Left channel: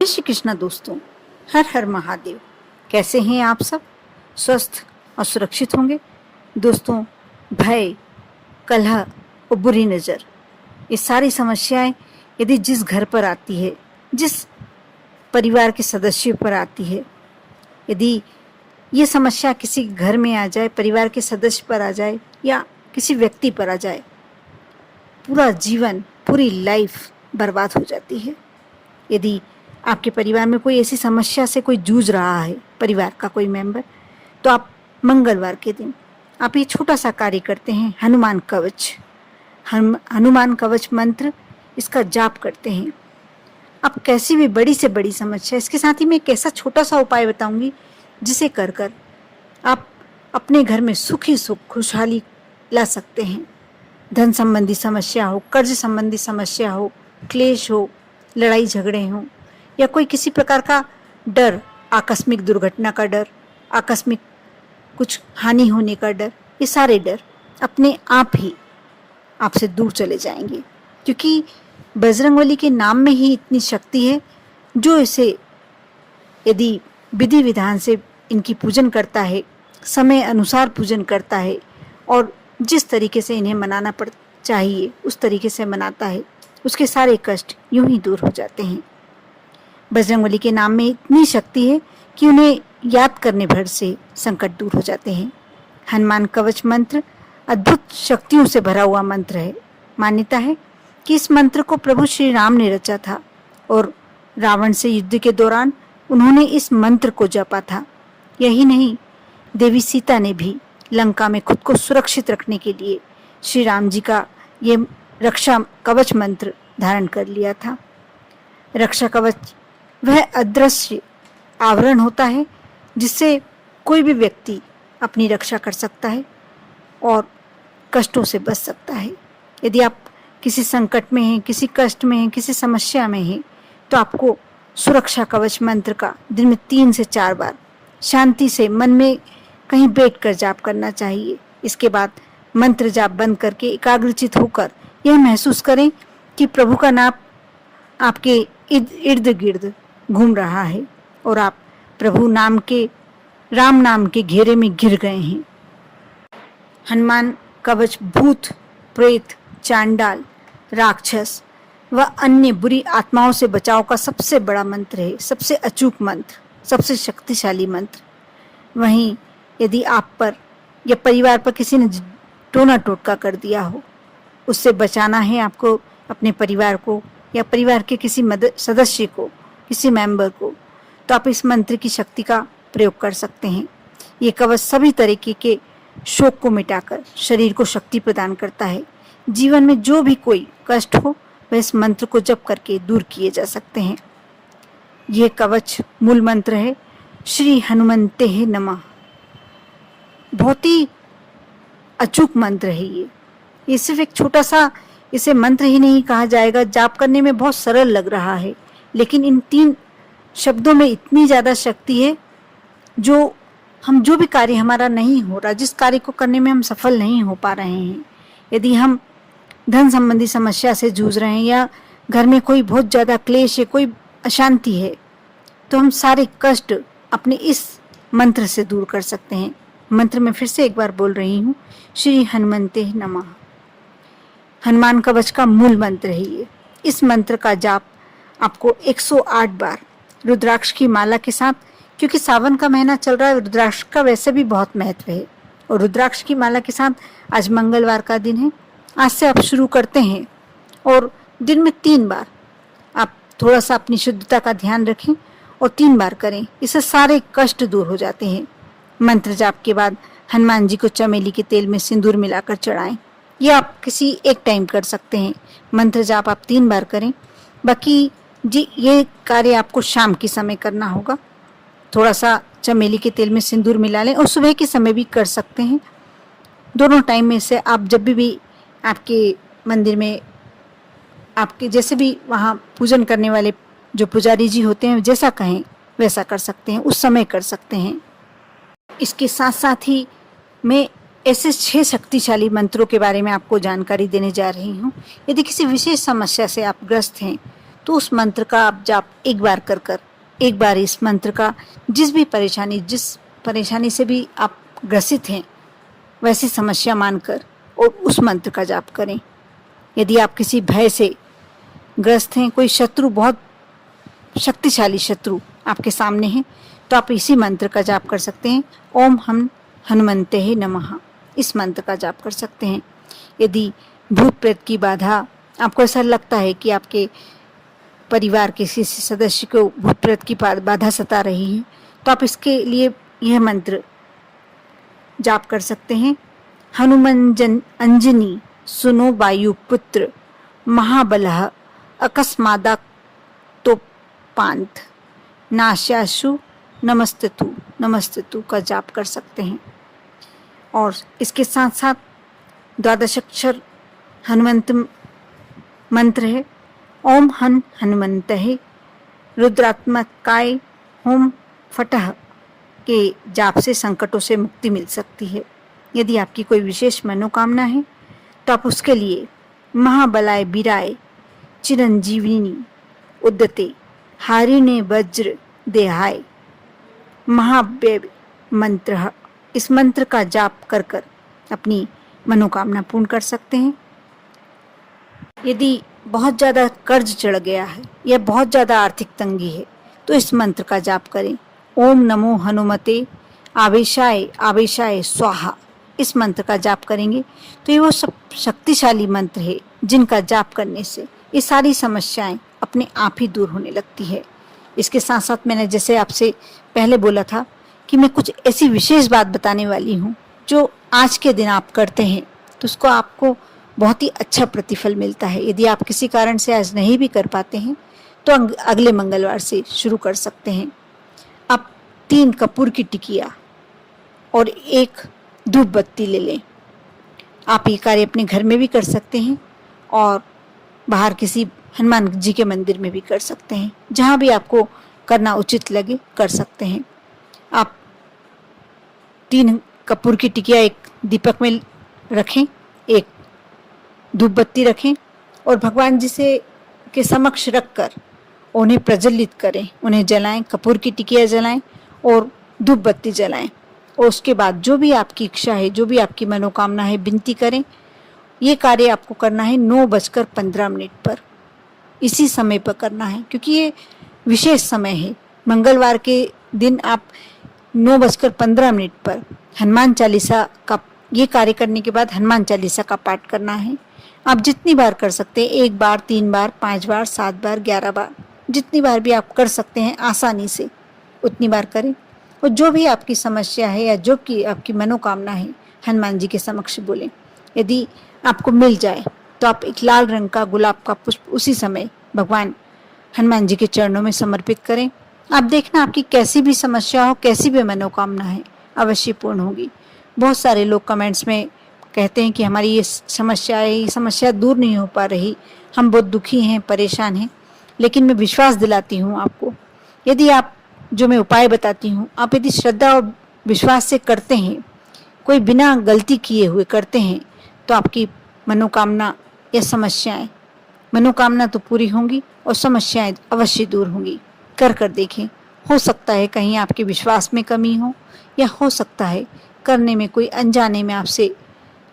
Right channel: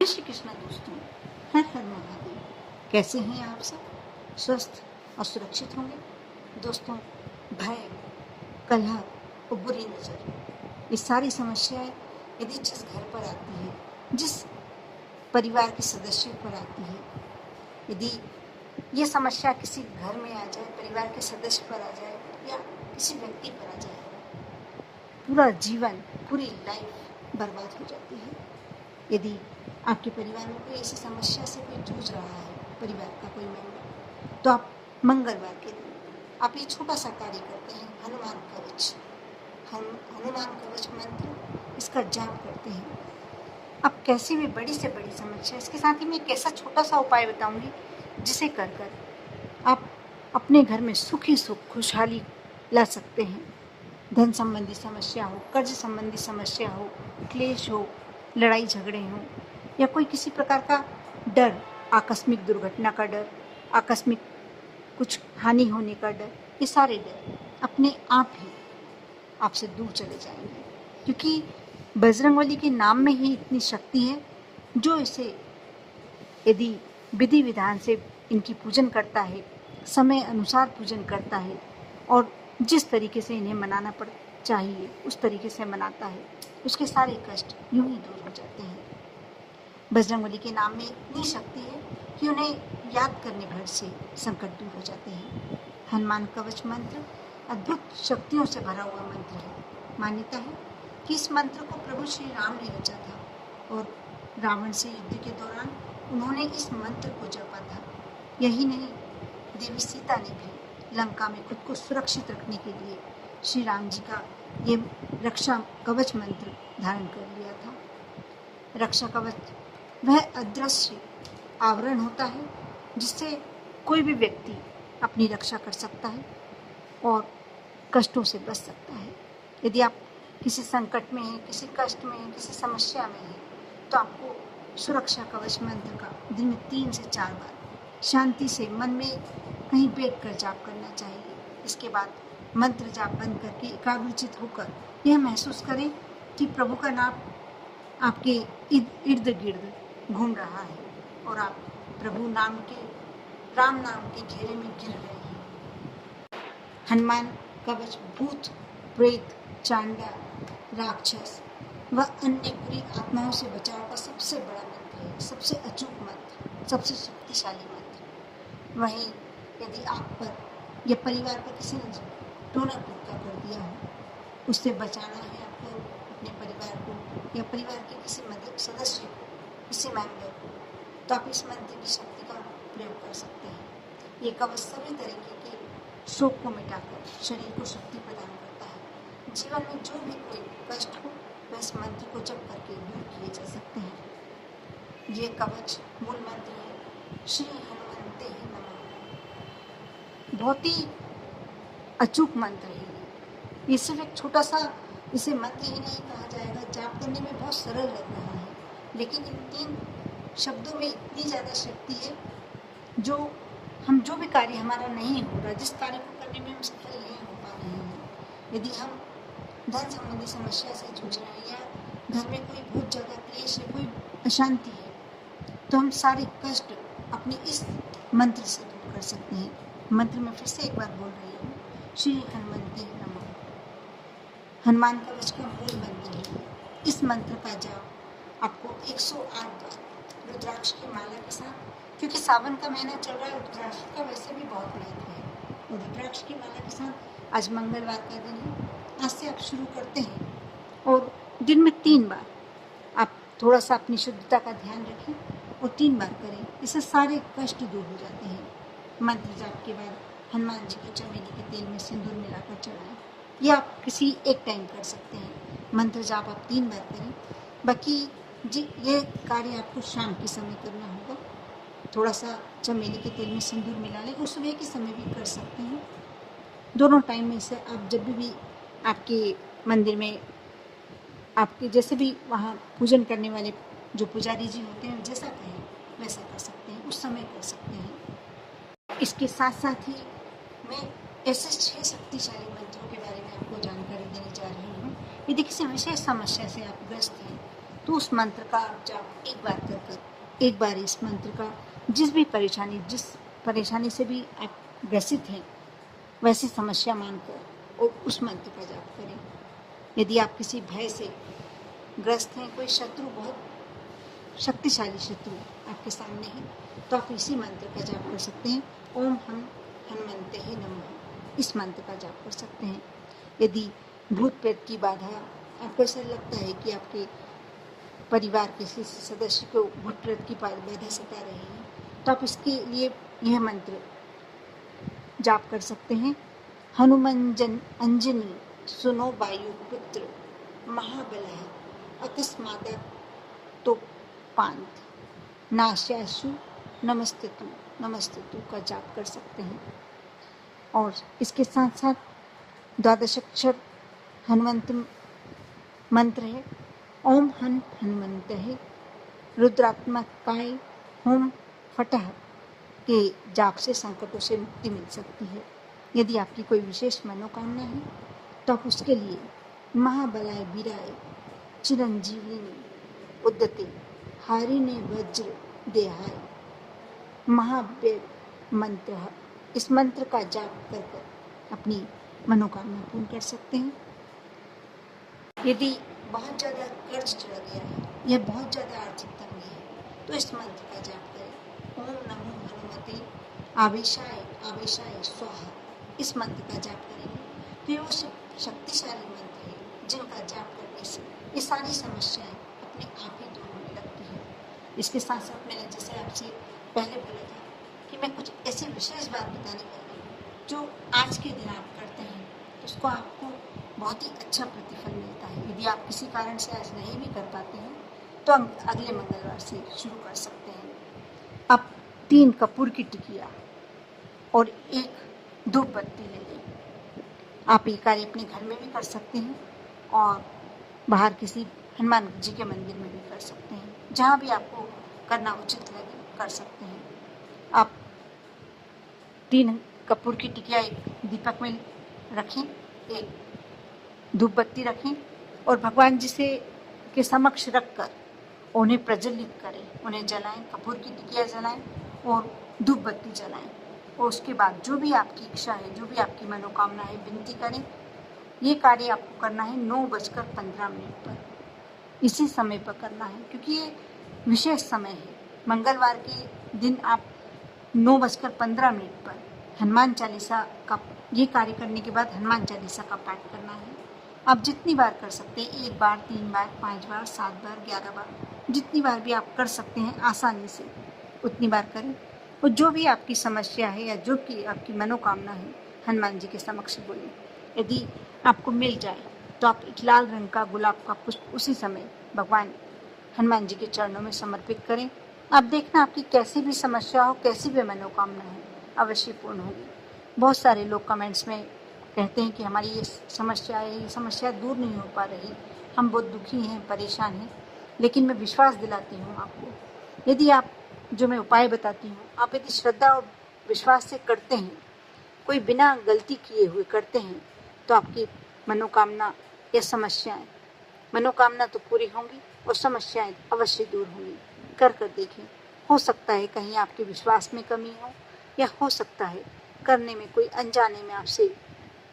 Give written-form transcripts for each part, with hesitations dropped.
जय श्री कृष्णा दोस्तों, हर हर महादेव। कैसे हैं आप सब? स्वस्थ और सुरक्षित होंगे। दोस्तों, भय, कलह और बुरी नज़र, ये सारी समस्याएं यदि जिस घर पर आती है, जिस परिवार के सदस्यों पर आती है, यदि ये समस्या किसी घर में आ जाए, परिवार के सदस्य पर आ जाए या किसी व्यक्ति पर आ जाए, पूरा जीवन, पूरी लाइफ बर्बाद हो जाती है। यदि आपके परिवार में कोई ऐसी समस्या से कोई जूझ रहा है, परिवार का कोई मेंबर, तो आप मंगलवार के दिन आप ये छोटा सा कार्य करते हैं, हनुमान कवच। हनुमान कवच मंत्र, इसका जाप करते हैं। आप कैसी भी बड़ी से बड़ी समस्या, इसके साथ ही मैं एक ऐसा छोटा सा उपाय बताऊंगी जिसे कर कर आप अपने घर में सुख ही सुख, खुशहाली ला सकते हैं। धन संबंधी समस्या हो, कर्ज संबंधी समस्या हो, क्लेश हो, लड़ाई झगड़े हों, या कोई किसी प्रकार का डर, आकस्मिक दुर्घटना का डर, आकस्मिक कुछ हानि होने का डर, ये सारे डर अपने आप ही आपसे दूर चले जाएंगे, क्योंकि बजरंगबली के नाम में ही इतनी शक्ति है। जो इसे यदि विधि विधान से इनकी पूजन करता है, समय अनुसार पूजन करता है और जिस तरीके से इन्हें मनाना चाहिए उस तरीके से मनाता है, उसके सारे कष्ट यूं ही दूर हो जाते हैं। बजरंगबली के नाम में इतनी शक्ति है कि उन्हें याद करने भर से संकट दूर हो जाते हैं। हनुमान कवच मंत्र अद्भुत शक्तियों से भरा हुआ मंत्र है। मान्यता है कि इस मंत्र को प्रभु श्री राम ने रचा था और रावण से युद्ध के दौरान उन्होंने इस मंत्र को जपा था। यही नहीं, देवी सीता ने भी लंका में खुद को सुरक्षित रखने के लिए श्री राम जी का ये रक्षा कवच मंत्र धारण कर लिया था। रक्षा कवच वह अदृश्य आवरण होता है जिससे कोई भी व्यक्ति अपनी रक्षा कर सकता है और कष्टों से बच सकता है। यदि आप किसी संकट में हैं, किसी कष्ट में हैं, किसी समस्या में हैं, तो आपको सुरक्षा कवच मंत्र का दिन में 3 से 4 बार शांति से मन में कहीं बैठकर जाप करना चाहिए। इसके बाद मंत्र जाप बंद करके एकाग्रचित होकर यह महसूस करें कि प्रभु का नाम आपके इर्द गिर्द घूम रहा है और आप प्रभु नाम के, राम नाम के घेरे में घिर गए हैं। हनुमान कवच भूत, प्रेत, चांडाल, राक्षस व अन्य बुरी आत्माओं से बचाव का सबसे बड़ा मंत्र है, सबसे अचूक मंत्र, सबसे शक्तिशाली मंत्र। वहीं यदि आप पर या परिवार पर किसी ने टोना टोटका कर दिया हो, उससे बचाना है आपको, अपने परिवार को या परिवार के किसी सदस्य को, किसी मेंबर को, तो आप इस मंत्र की शक्ति का प्रयोग कर सकते हैं। ये कवच सभी तरीके के शोक को मिटाकर शरीर को शक्ति प्रदान करता है। जीवन में जो भी कोई कष्ट हो वह इस मंत्र को जप करके दूर किए जा सकते हैं। यह कवच मूल मंत्र है, श्री हनुमंते नमः। बहुत ही अचूक मंत्र है ये सिर्फ एक छोटा सा, इसे मंत्र ही नहीं कहा जाएगा, जाप करने में बहुत सरल लग रहा है, लेकिन इन 3 शब्दों में इतनी ज़्यादा शक्ति है। जो भी कार्य हमारा नहीं हो रहा, जिस कार्य को करने में हम सफल नहीं हो पा रहे हैं, यदि हम धन संबंधी समस्या से जूझ रहे हैं या घर में कोई बहुत ज़्यादा क्लेश है, कोई अशांति है, तो हम सारे कष्ट अपने इस मंत्र से दूर कर सकते हैं। मंत्र में फिर से एक बार बोल रही हूँ, श्री हनुमंते नमः। हनुमान कवच का मूल मंत्र है ये। इस मंत्र का जाप आपको 108 बार रुद्राक्ष की माला के साथ, क्योंकि सावन का महीना चल रहा है, रुद्राक्ष का वैसे भी बहुत महत्व है, और रुद्राक्ष की माला के साथ आज मंगलवार का दिन है, आज से आप शुरू करते हैं और दिन में 3 बार आप थोड़ा सा अपनी शुद्धता का ध्यान रखें और 3 बार करें। इससे सारे कष्ट दूर हो जाते हैं। मंत्र जाप के बाद हनुमान जी को चमेली के तेल में सिंदूर मिलाकर चढ़ाएं। ये आप किसी एक टाइम कर सकते हैं। मंत्र जाप आप 3 बार करें। बाकी जी ये कार्य आपको शाम के समय करना होगा। थोड़ा सा चमेली के तेल में सिंदूर मिला लें और सुबह के समय भी कर सकते हैं। दोनों टाइम में से आप जब भी आपके मंदिर में, आपके जैसे भी वहाँ पूजन करने वाले जो पुजारी जी होते हैं, जैसा कहें वैसा कर सकते हैं, उस समय कर सकते हैं। इसके साथ साथ ही मैं ऐसे 6 शक्तिशाली मंत्रों के बारे में आपको जानकारी देने जा रही हूँ। यदि किसी विशेष समस्या से आप ग्रस्त हैं तो उस मंत्र का आप जाप एक बार कर एक बार इस मंत्र का जिस परेशानी से भी आप ग्रसित हैं वैसी समस्या मानकर और उस मंत्र का जाप करें। यदि आप किसी भय से ग्रस्त हैं, कोई शत्रु, बहुत शक्तिशाली शत्रु आपके सामने है, तो आप इसी मंत्र का जाप कर सकते हैं। ओम हम हनुमंते ही नमः, इस मंत्र का जाप कर सकते हैं। यदि भूत प्रेत की बाधा, आपको ऐसा लगता है कि आपके परिवार के किसी सदस्य को भूत प्रेत की बाधा सता रही है, तो आप इसके लिए यह मंत्र जाप कर सकते हैं। हनुमंजन अंजनी सुनो वायु पुत्र महाबलः अकस्मादा तो पांथ नाशाशु नमस्ततु का जाप कर सकते हैं। और इसके साथ साथ द्वादश अक्षर हनुमंत मंत्र है। ओम हनुमंतहे रुद्रात्मकाय होम फटह के जाप से संकटों से मुक्ति मिल सकती है। यदि आपकी कोई विशेष मनोकामना है तो आप उसके लिए महाबलाय बीराय चिरंजीविनी उद्यते हारिणे वज्र देहाय महाव्य मंत्र, इस मंत्र का जाप कर अपनी मनोकामना पूर्ण कर सकते हैं। यदि बहुत ज़्यादा कर्ज चढ़ गया है या बहुत ज़्यादा आर्थिक तंगी है तो इस मंत्र का जाप करें। ओम नमो हनुमते आवेशाय आवेशाय स्वाहा, इस मंत्र का जाप करेंगे तो ये वो सब शक्तिशाली मंत्र है जिनका जाप करने से ये सारी समस्याएं अपने आप ही दूर होने लगती है। इसके साथ साथ मैंने जैसे आपसे पहले बोला था कि मैं कुछ ऐसी विशेष बात बताने वाली हूँ जो आज के दिन आप करते हैं तो उसको आपको बहुत ही अच्छा प्रतिफल मिलता है। यदि आप किसी कारण से आज नहीं भी कर पाते हैं तो अगले मंगलवार से शुरू कर सकते हैं। आप 3 कपूर की टिकिया और 1 धूप बत्ती ले लें। आप ये कार्य अपने घर में भी कर सकते हैं और बाहर किसी हनुमान जी के मंदिर में भी कर सकते हैं, जहाँ भी आपको करना उचित लगे कर सकते हैं। आप 3 कपूर की टिकिया एक दीपक में रखें, एक धूप बत्ती रखें और भगवान जी से के समक्ष रखकर उन्हें प्रज्वलित करें, उन्हें जलाएं, कपूर की टिकिया जलाएं और धूप बत्ती जलाएं। और उसके बाद जो भी आपकी इच्छा है, जो भी आपकी मनोकामना है, विनती करें। ये कार्य आपको करना है 9:15 पर, इसी समय पर करना है क्योंकि ये विशेष समय है। मंगलवार के दिन आप 9:15 पर हनुमान चालीसा का ये कार्य करने के बाद हनुमान चालीसा का पाठ करना है। आप जितनी बार कर सकते हैं, 1 बार, 3 बार, 5 बार, 7 बार, 11 बार, जितनी बार भी आप कर सकते हैं आसानी से उतनी बार करें। और जो भी आपकी समस्या है या जो कि आपकी मनोकामना है हनुमान जी के समक्ष बोलें। यदि आपको मिल जाए तो आप एक लाल रंग का गुलाब का पुष्प उसी समय भगवान हनुमान जी के चरणों में समर्पित करें। आप देखना आपकी कैसी भी समस्या हो, कैसी भी मनोकामना है, अवश्य पूर्ण होगी। बहुत सारे लोग कमेंट्स में कहते हैं कि हमारी ये समस्या दूर नहीं हो पा रही, हम बहुत दुखी हैं, परेशान हैं। लेकिन मैं विश्वास दिलाती हूँ आपको, यदि आप जो मैं उपाय बताती हूँ आप यदि श्रद्धा और विश्वास से करते हैं, कोई बिना गलती किए हुए करते हैं, तो आपकी मनोकामना या मनोकामना तो पूरी होंगी और समस्याएं अवश्य दूर होंगी। कर देखें, हो सकता है कहीं आपके विश्वास में कमी हो या हो सकता है करने में कोई अनजाने में आपसे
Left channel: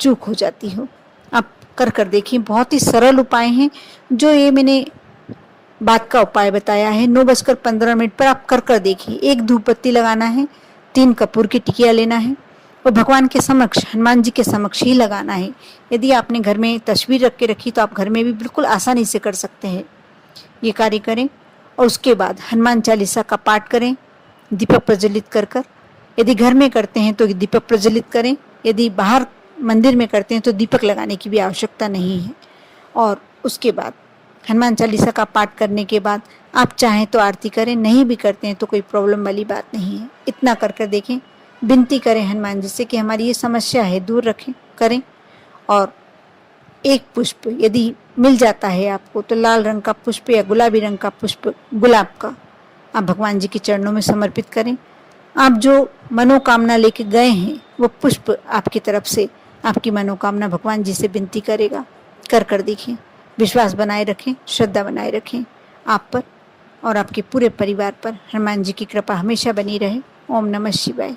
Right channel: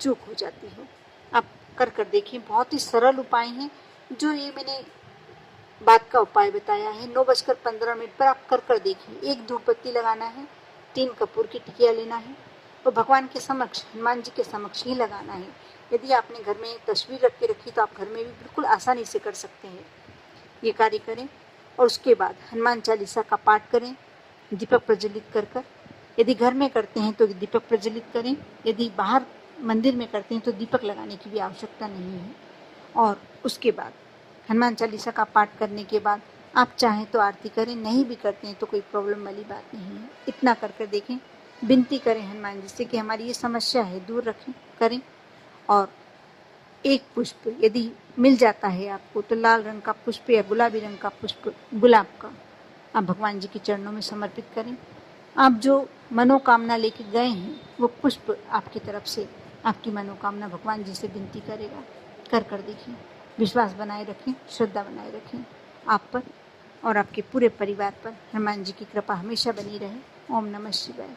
चूक हो जाती हो। आप कर देखें, बहुत ही सरल उपाय हैं जो ये मैंने बात का उपाय बताया है। 9:15 पर आप कर देखिए। 1 धूप बत्ती लगाना है, 3 कपूर की टिकिया लेना है और भगवान के समक्ष, हनुमान जी के समक्ष ही लगाना है। यदि आपने घर में तस्वीर रख के रखी तो आप घर में भी बिल्कुल आसानी से कर सकते हैं। ये कार्य करें और उसके बाद हनुमान चालीसा का पाठ करें, दीपक प्रज्वलित कर। यदि घर में करते हैं तो दीपक प्रज्वलित करें, यदि बाहर मंदिर में करते हैं तो दीपक लगाने की भी आवश्यकता नहीं है। और उसके बाद हनुमान चालीसा का पाठ करने के बाद आप चाहें तो आरती करें, नहीं भी करते हैं तो कोई प्रॉब्लम वाली बात नहीं है। इतना कर देखें, विनती करें हनुमान जी से कि हमारी ये समस्या है दूर करें। और 1 पुष्प यदि मिल जाता है आपको तो लाल रंग का पुष्प या गुलाबी रंग का पुष्प, गुलाब का, आप भगवान जी के चरणों में समर्पित करें। आप जो मनोकामना लेके गए हैं वो पुष्प आपकी तरफ से आपकी मनोकामना भगवान जी से विनती करेगा। कर देखिए, विश्वास बनाए रखें, श्रद्धा बनाए रखें आप पर और आपके पूरे परिवार पर हनुमान जी की कृपा हमेशा बनी रहे। ओम नमः शिवाय।